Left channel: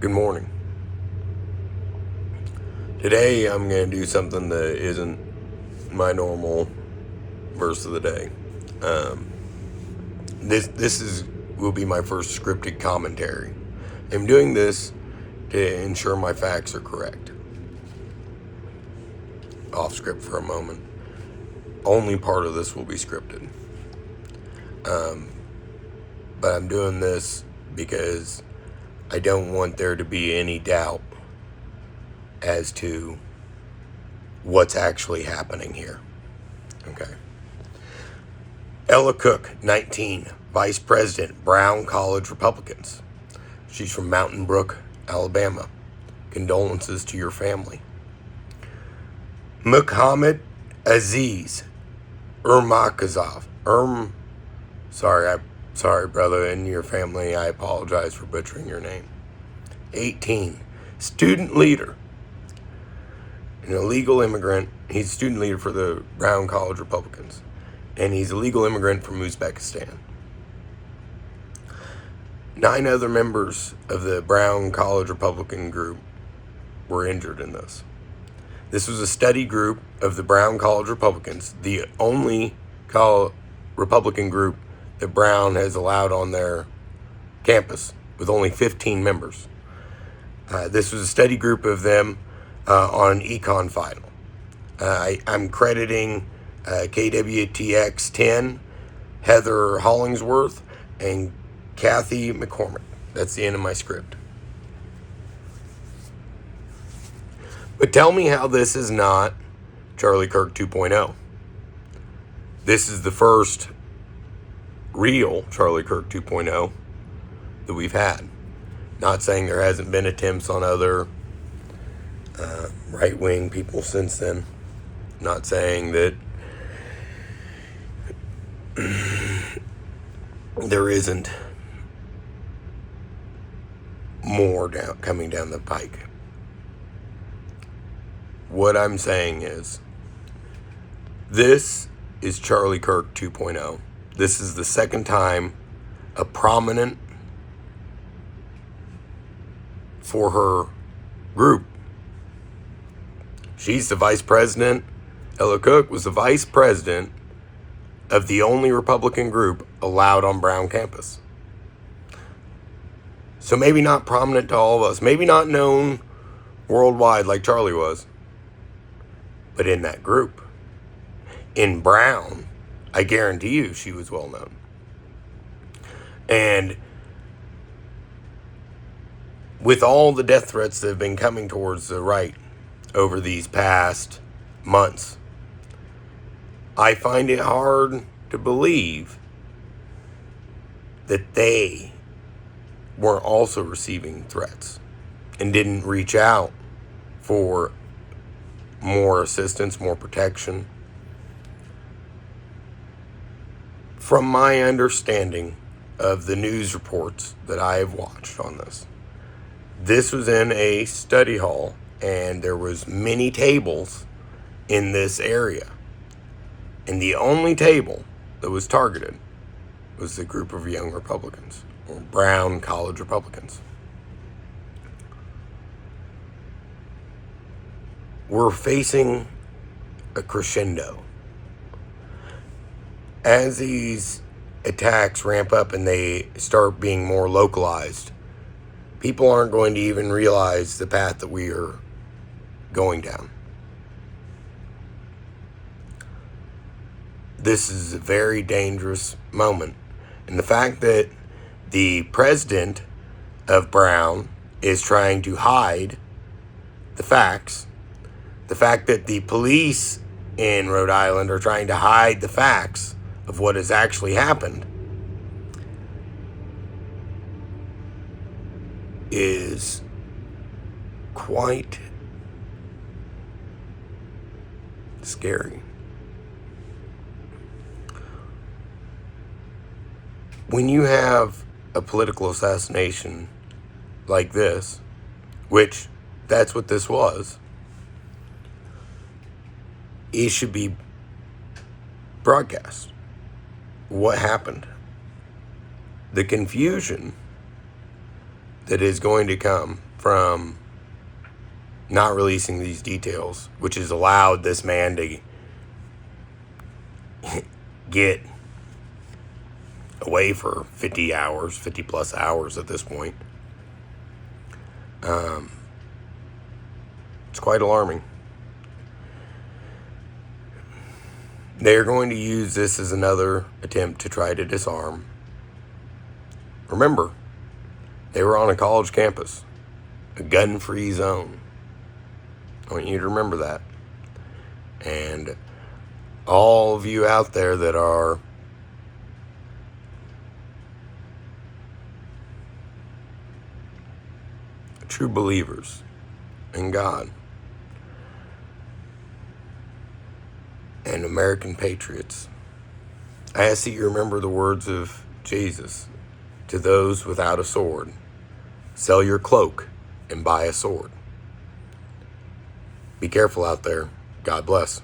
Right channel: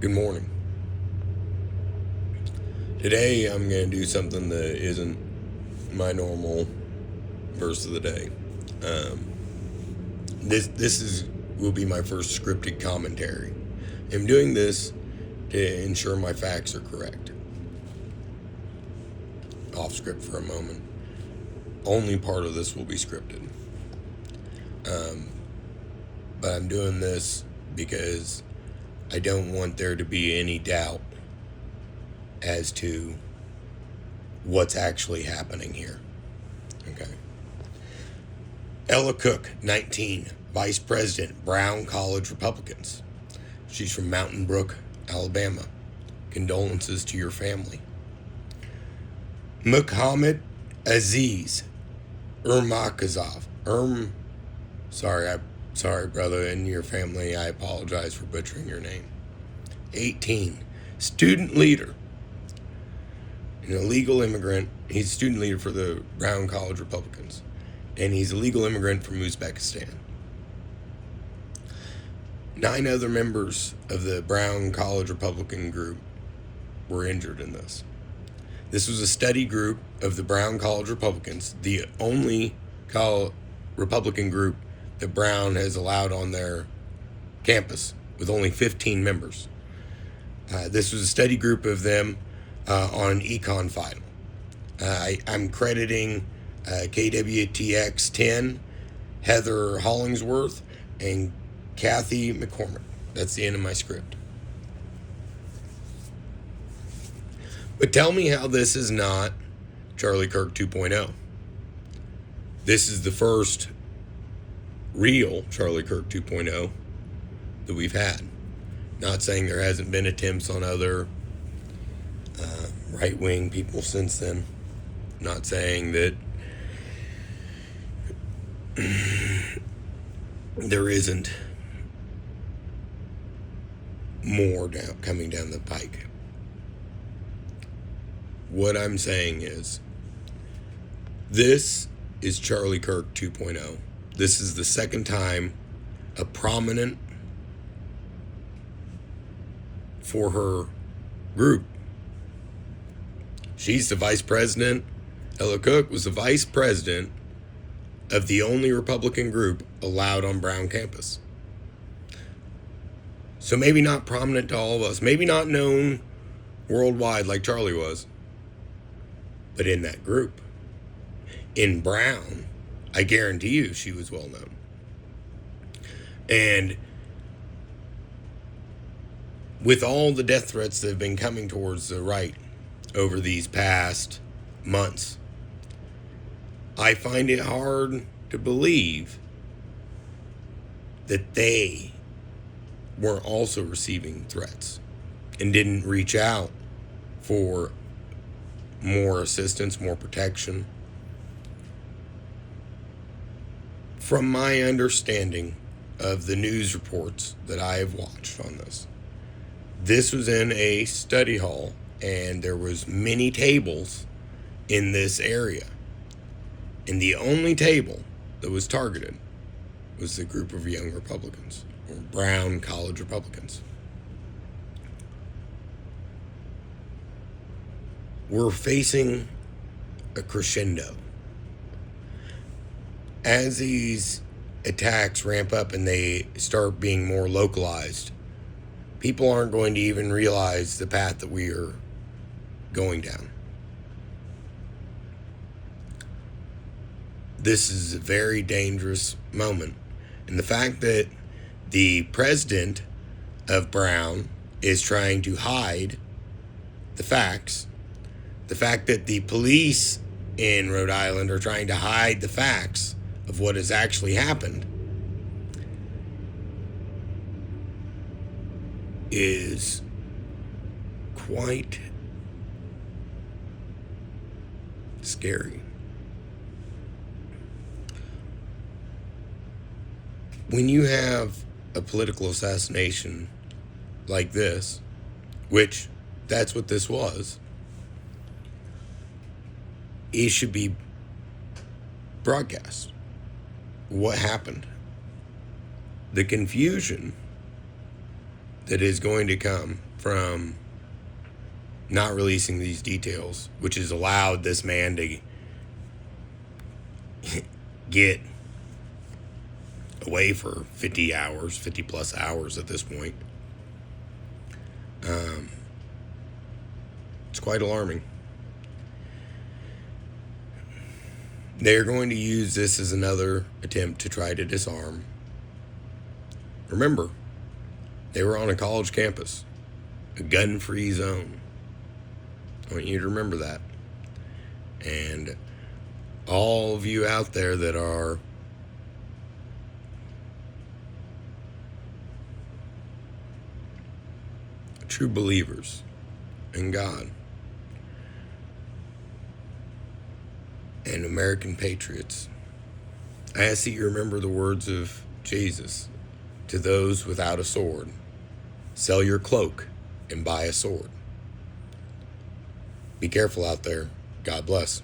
Good morning. Today I'm going to do something that isn't my normal verse of the day. This will be my first scripted commentary. I'm doing this to ensure my facts are correct. Off script for a moment. Only part of this will be scripted. But I'm doing this because I don't want there to be any doubt as to what's actually happening here. Okay. Ella Cook, 19, Vice President, Brown College Republicans. She's from Mountain Brook, Alabama. Condolences to your family. Muhammad Aziz Urmakazov. Sorry, brother, and your family. I apologize for butchering your name. 18, student leader. An illegal immigrant. He's student leader for the Brown College Republicans. And he's a legal immigrant from Uzbekistan. 9 other members of the Brown College Republican group were injured in this. This was a study group of the Brown College Republicans, the only Republican group that Brown has allowed on their campus, with only 15 members. This was a study group of them on econ final. I'm crediting KWTX 10, Heather Hollingsworth, and Kathy McCormick. That's the end of my script. But tell me how this is not Charlie Kirk 2.0. This is the first real Charlie Kirk 2.0 that we've had. Not saying there hasn't been attempts on other right-wing people since then. Not saying that there isn't more coming down the pike. What I'm saying is, this is Charlie Kirk 2.0. This is the second time a prominent for her group. She's the vice president. Ella Cook was the vice president of the only Republican group allowed on Brown campus. So maybe not prominent to all of us, maybe not known worldwide like Charlie was, but in that group, in Brown, I guarantee you she was well known. And with all the death threats that have been coming towards the right over these past months, I find it hard to believe that they were also receiving threats and didn't reach out for more assistance, more protection. From my understanding of the news reports that I have watched on this was in a study hall, and there was many tables in this area. And the only table that was targeted was the group of young Republicans, or Brown College Republicans. We're facing a crescendo. As these attacks ramp up and they start being more localized, people aren't going to even realize the path that we are going down. This is a very dangerous moment. And the fact that the president of Brown is trying to hide the facts, the fact that the police in Rhode Island are trying to hide the facts of what has actually happened, is quite scary. When you have a political assassination like this, which that's what this was, it should be broadcast. What happened? The confusion that is going to come from not releasing these details, which has allowed this man to get away for 50 plus hours at this point. It's quite alarming. They're going to use this as another attempt to try to disarm. Remember, they were on a college campus, a gun-free zone. I want you to remember that. And all of you out there that are true believers in God and American patriots, I ask that you remember the words of Jesus to those without a sword: sell your cloak and buy a sword. Be careful out there. God bless.